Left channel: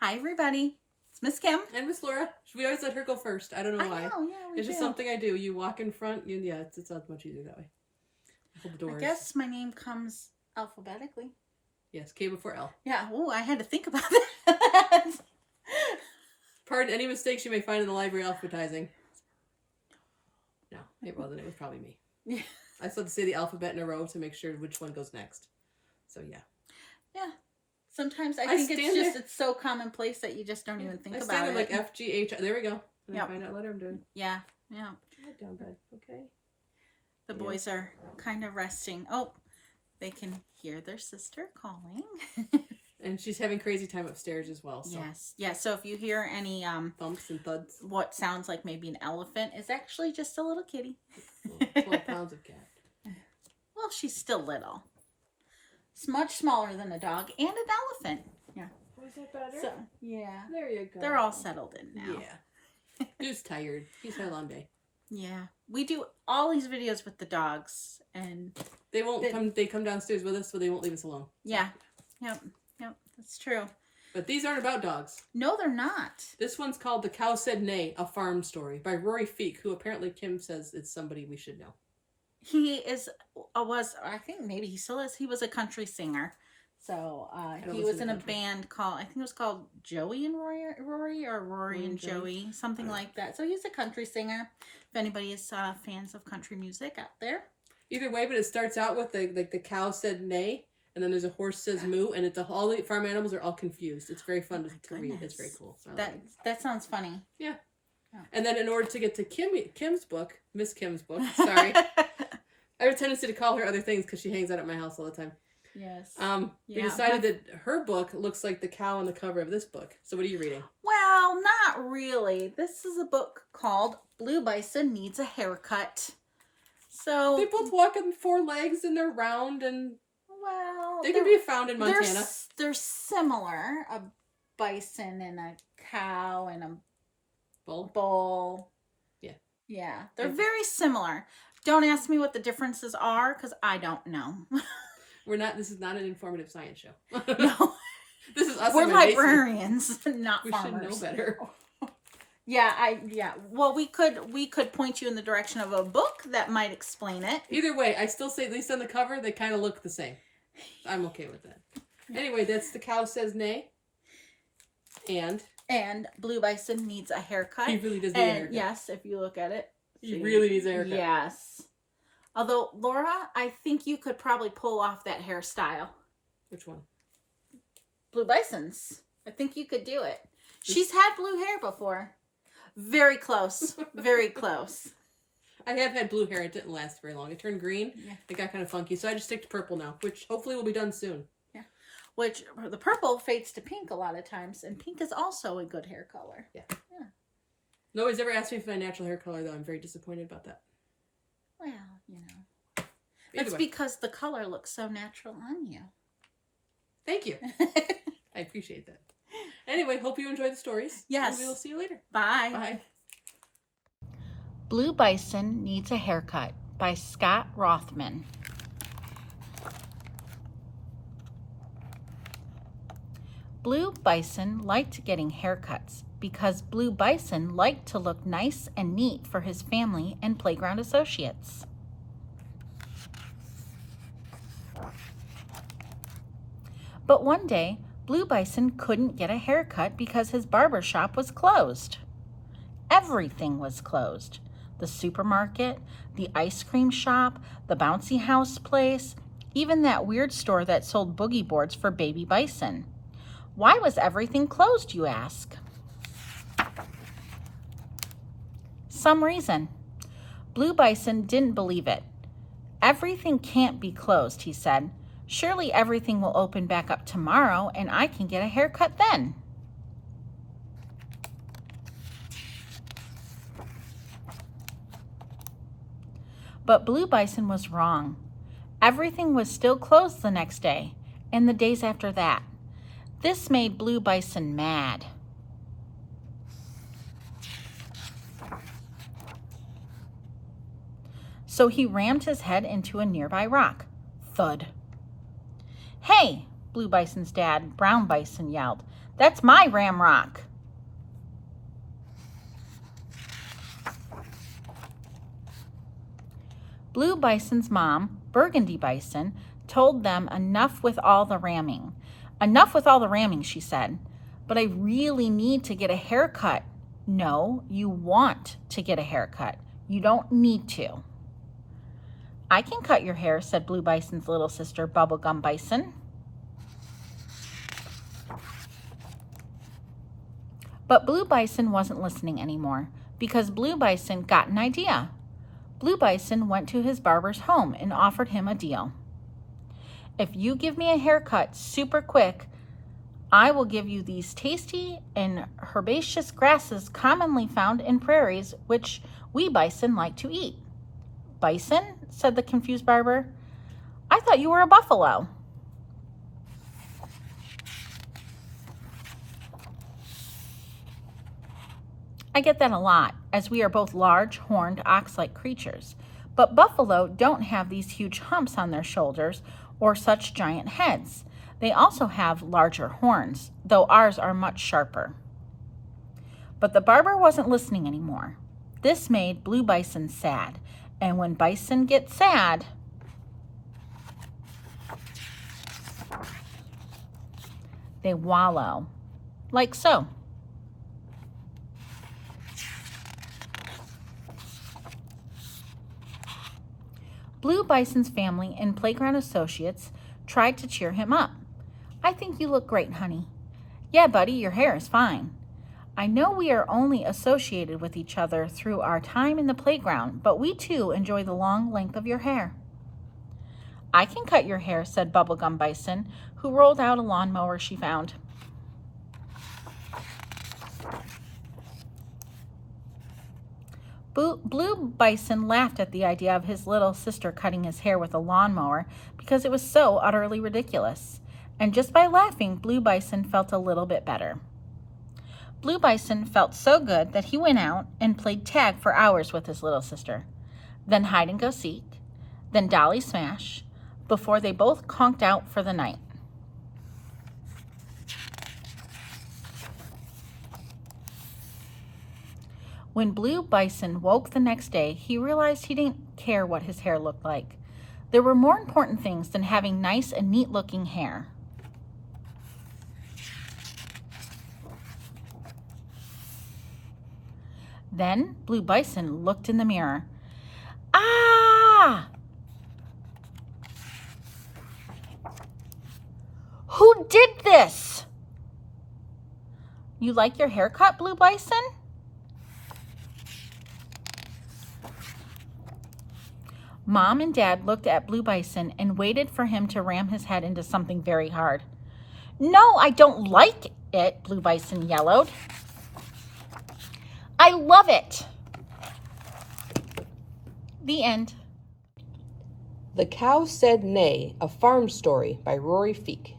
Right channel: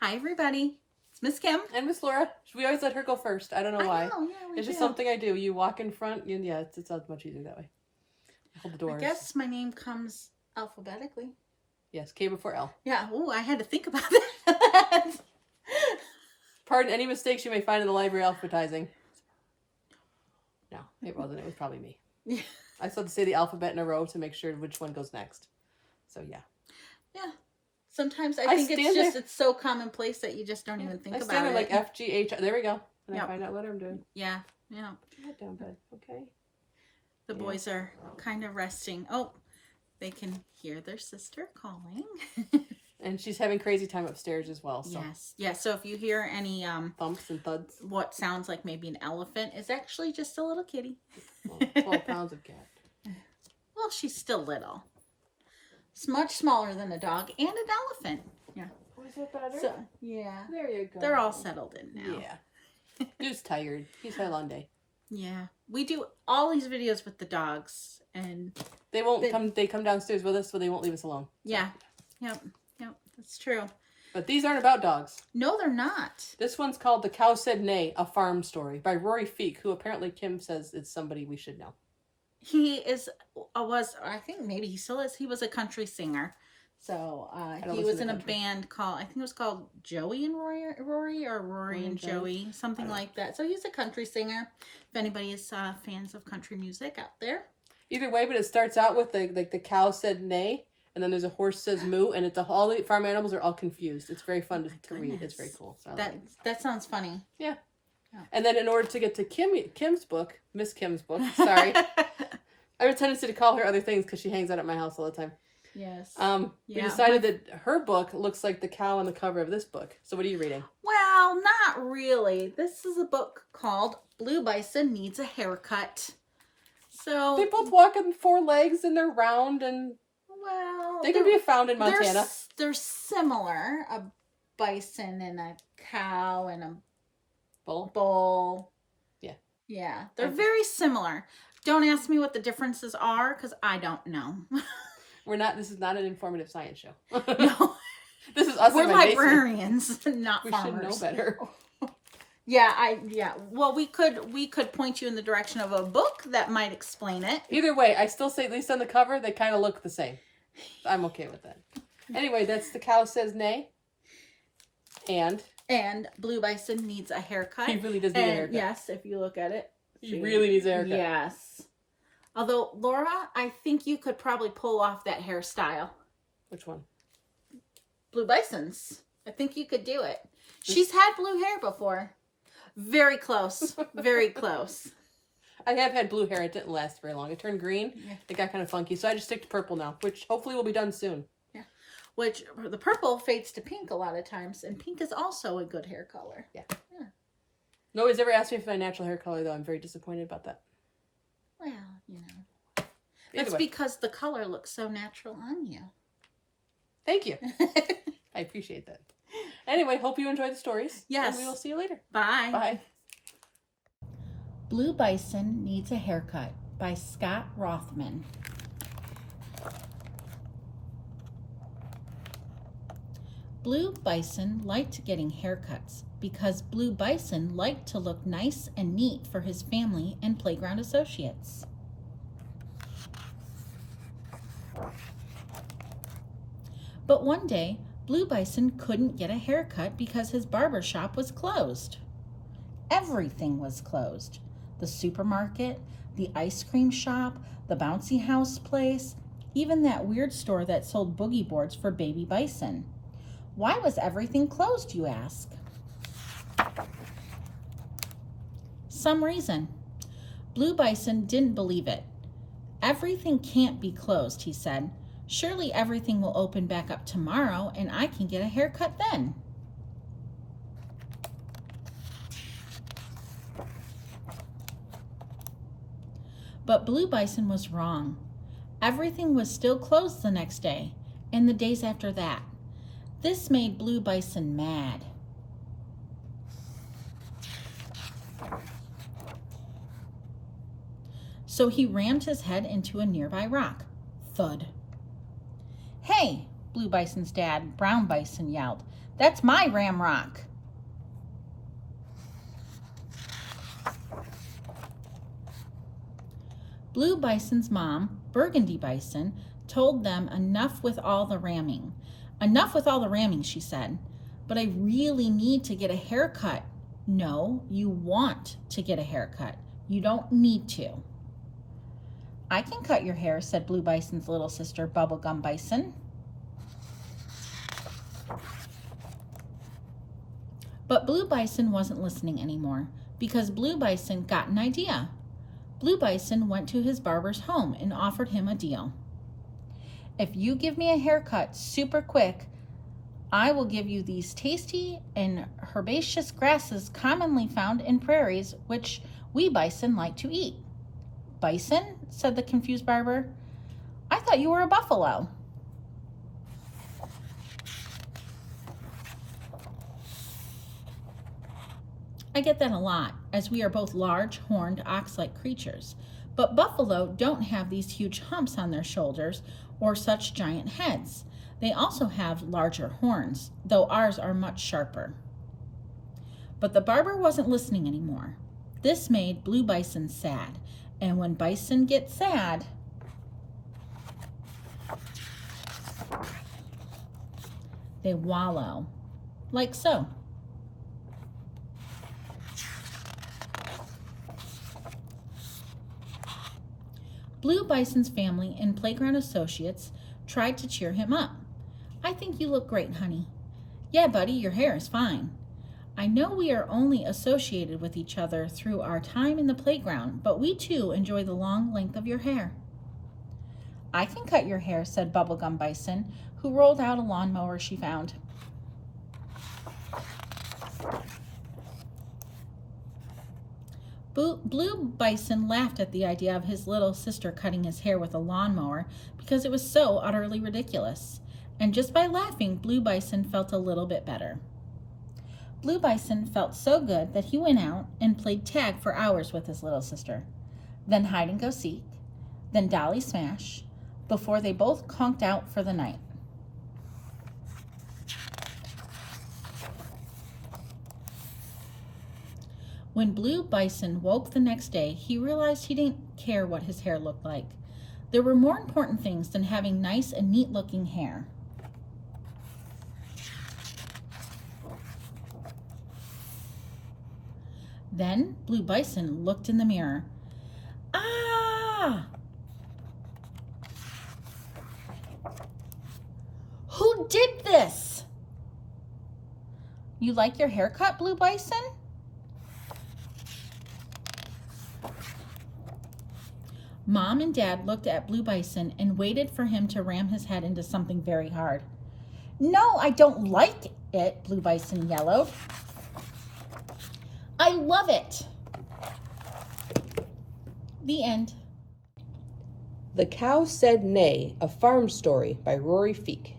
Hi, everybody. It's Miss Kim. And Miss Laura. We always let her go first. I don't know why. I know, yeah, we It's just something I do. You walk in front. Yeah, it's much easier that way. Hold the doors. I guess my name comes alphabetically. Yes, K before L. Yeah. Oh, I had to think about that. Pardon any mistakes you may find in the library alphabetizing. No, it wasn't. It was probably me. Yeah. I still have to say the alphabet in a row to make sure which one goes next. So yeah. Yeah. Sometimes I think it's so commonplace that you just don't even think about it. Like F, G, H. There we go. And I find out what I'm doing. Yeah. Yeah. Head down, bud. Okay. The boys are kind of resting. Oh, they can hear their sister calling. And she's having crazy time upstairs as well. So. Yes. Yeah. So if you hear any thumps and thuds, what sounds like maybe an elephant is actually just a little kitty. 12 pounds of cat. Well, she's still little. It's much smaller than a dog and an elephant. Yeah. Was it better? So, yeah. There you go. They're all settled in now. Yeah. He's tired. He's had a long day. Yeah. We do all these videos with the dogs, and they won't come. They come downstairs with us, so they won't leave us alone. Yeah. Yep. Yep. That's true. But these aren't about dogs. No, they're not. This one's called The Cow Said Neigh, a Farm Story by Rory Feek, who apparently Kim says is somebody we should know. He I think maybe he still is. He was a country singer. So he was in a band called, I think it was called Joey and Rory or Rory and Joey, something like that. So he's a country singer. If anybody is fans of country music out there. Either way, but it starts out with the cow said neigh, and then there's a horse says moo, and it's all the farm animals are all confused. It's very fun to read. It's very cool. So that sounds funny. Yeah. And then in order to get to Kim's book, Miss Kim's book, sorry. I have a tendency to call her other things because she hangs out at my house all the time. Yes. We decided that her book looks like the cow on the cover of this book. So what are you reading? Well, not really. This is a book called Blue Bison Needs a Haircut. So they both walk on 4 legs and they're round and they can be found in Montana. They're similar. A bison and a cow and a bull. Yeah. Yeah. They're very similar. Don't ask me what the differences are because I don't know. This is not an informative science show. No. This is us. We're librarians, not farmers. We should know better. Yeah. Well, we could point you in the direction of a book that might explain it. Either way, I still say at least on the cover they kind of look the same. I'm okay with that. Anyway, that's The Cow Says Neigh. And Blue Bison needs a haircut. He really does need a haircut. Yes, if you look at it. He really needs a haircut. Yes. Although, Laura, I think you could probably pull off that hairstyle. Which one? Blue Bison's. I think you could do it. She's had blue hair before. Very close. Very close. I have had blue hair. It didn't last very long. It turned green. Yeah. It got kind of funky. So I just stick to purple now, which hopefully will be done soon. Yeah. Which the purple fades to pink a lot of times. And pink is also a good hair color. Yeah. Nobody's ever asked me for my natural hair color, though. I'm very disappointed about that. Well, you know. That's because the color looks so natural on you. Thank you. I appreciate that. Anyway, hope you enjoyed the stories. Yes. And we will see you later. Bye. Bye. Blue Bison Needs a Haircut by Scott Rothman. Blue Bison liked getting haircuts because Blue Bison liked to look nice and neat for his family and playground associates. But one day, Blue Bison couldn't get a haircut because his barber shop was closed. Everything was closed. The supermarket, the ice cream shop, the bouncy house place, even that weird store that sold boogie boards for baby bison. Why was everything closed, you ask? Some reason. Blue Bison didn't believe it. Everything can't be closed, he said. Surely everything will open back up tomorrow and I can get a haircut then. But Blue Bison was wrong. Everything was still closed the next day and the days after that. This made Blue Bison mad. So he rammed his head into a nearby rock. Thud. Hey, Blue Bison's dad, Brown Bison, yelled. That's my ramrock. Blue Bison's mom, Burgundy Bison, told them enough with all the ramming. Enough with all the ramming, she said. But I really need to get a haircut. No, you want to get a haircut. You don't need to. I can cut your hair, said Blue Bison's little sister, Bubblegum Bison. But Blue Bison wasn't listening anymore because Blue Bison got an idea. Blue Bison went to his barber's home and offered him a deal. If you give me a haircut super quick, I will give you these tasty and herbaceous grasses commonly found in prairies, which we bison like to eat. Bison? Said the confused barber. I thought you were a buffalo. I get that a lot, as we are both large, horned, ox-like creatures. But buffalo don't have these huge humps on their shoulders or such giant heads. They also have larger horns, though ours are much sharper. But the barber wasn't listening anymore. This made Blue Bison sad, and when bison get sad, they wallow, like so. Blue Bison's family and playground associates tried to cheer him up. I think you look great, honey. Yeah, buddy, your hair is fine. I know we are only associated with each other through our time in the playground, but we too enjoy the long length of your hair. I can cut your hair, said Bubblegum Bison, who rolled out a lawnmower she found. Blue Bison laughed at the idea of his little sister cutting his hair with a lawnmower because it was so utterly ridiculous. And just by laughing, Blue Bison felt a little bit better. Blue Bison felt so good that he went out and played tag for hours with his little sister, then hide and go seek, then dolly smash, before they both conked out for the night. When Blue Bison woke the next day, he realized he didn't care what his hair looked like. There were more important things than having nice and neat-looking hair. Then Blue Bison looked in the mirror. Ah! Who did this? You like your haircut, Blue Bison? Mom and Dad looked at Blue Bison and waited for him to ram his head into something very hard. No, I don't like it, Blue Bison yellowed. I love it. The end. The Cow Said Neigh, a farm story by Rory Feek.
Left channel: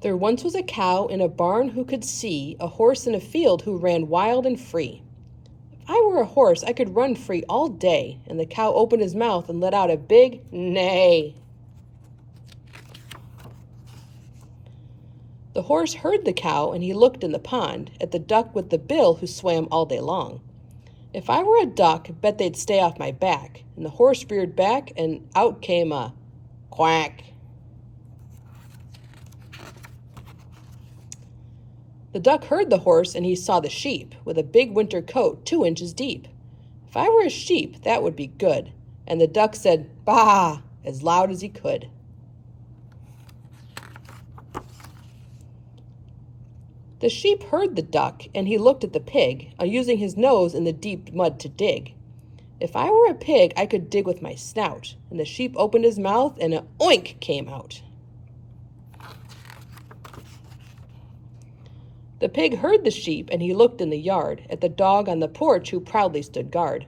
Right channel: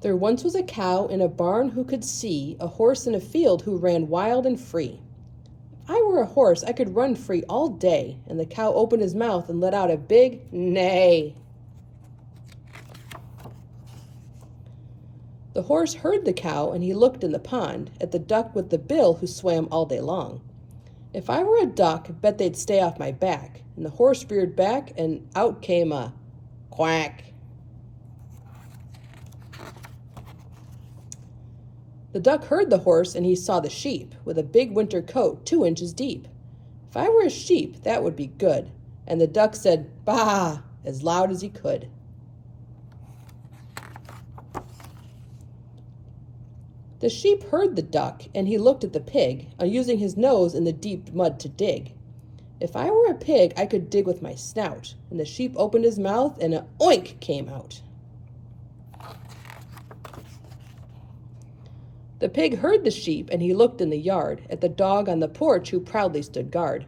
There once was a cow in a barn who could see, a horse in a field who ran wild and free. If I were a horse, I could run free all day. And the cow opened his mouth and let out a big neigh. The horse heard the cow, and he looked in the pond at the duck with the bill who swam all day long. If I were a duck, bet they'd stay off my back. And the horse reared back, and out came a quack. The duck heard the horse, and he saw the sheep, with a big winter coat 2 inches deep. If I were a sheep, that would be good. And the duck said, "Bah!" as loud as he could. The sheep heard the duck, and he looked at the pig, using his nose in the deep mud to dig. If I were a pig, I could dig with my snout. And the sheep opened his mouth, and an oink came out. The pig heard the sheep, and he looked in the yard at the dog on the porch who proudly stood guard.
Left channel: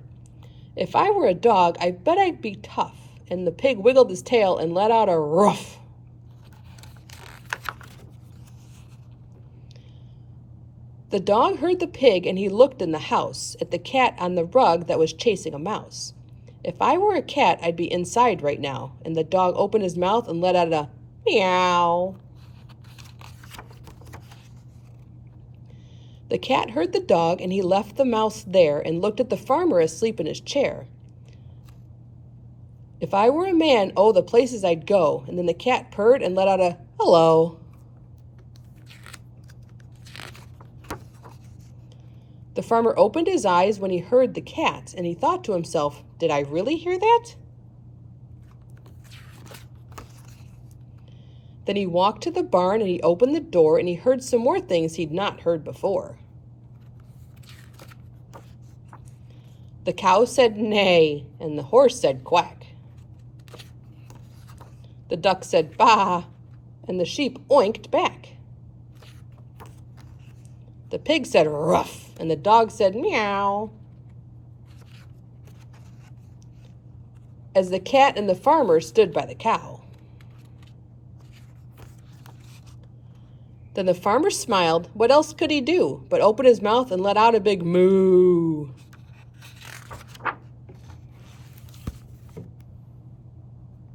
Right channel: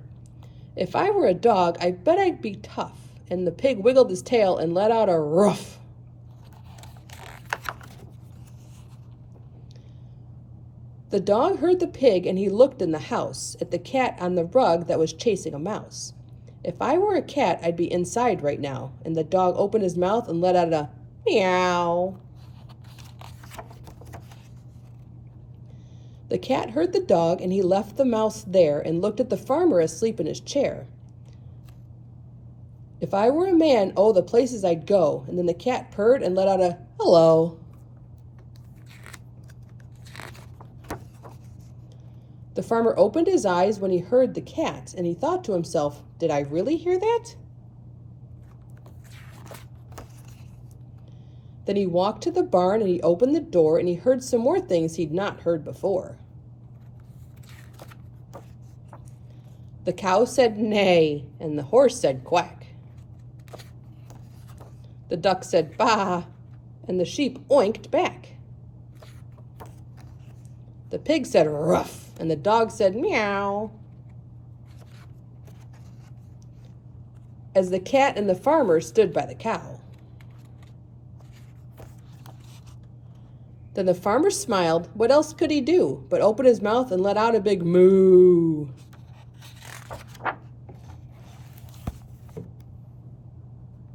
If I were a dog, I bet I'd be tough. And the pig wiggled his tail and let out a ruff. The dog heard the pig and he looked in the house at the cat on the rug that was chasing a mouse. If I were a cat, I'd be inside right now. And the dog opened his mouth and let out a meow. The cat heard the dog and he left the mouse there and looked at the farmer asleep in his chair. If I were a man, oh, the places I'd go. And then the cat purred and let out a hello. The farmer opened his eyes when he heard the cat, and he thought to himself, did I really hear that? Then he walked to the barn and he opened the door and he heard some more things he'd not heard before. The cow said neigh, and the horse said quack. The duck said baa, and the sheep oinked back. The pig said ruff, and the dog said meow. As the cat and the farmer stood by the cow. Then the farmer smiled. What else could he do but open his mouth and let out a big moo?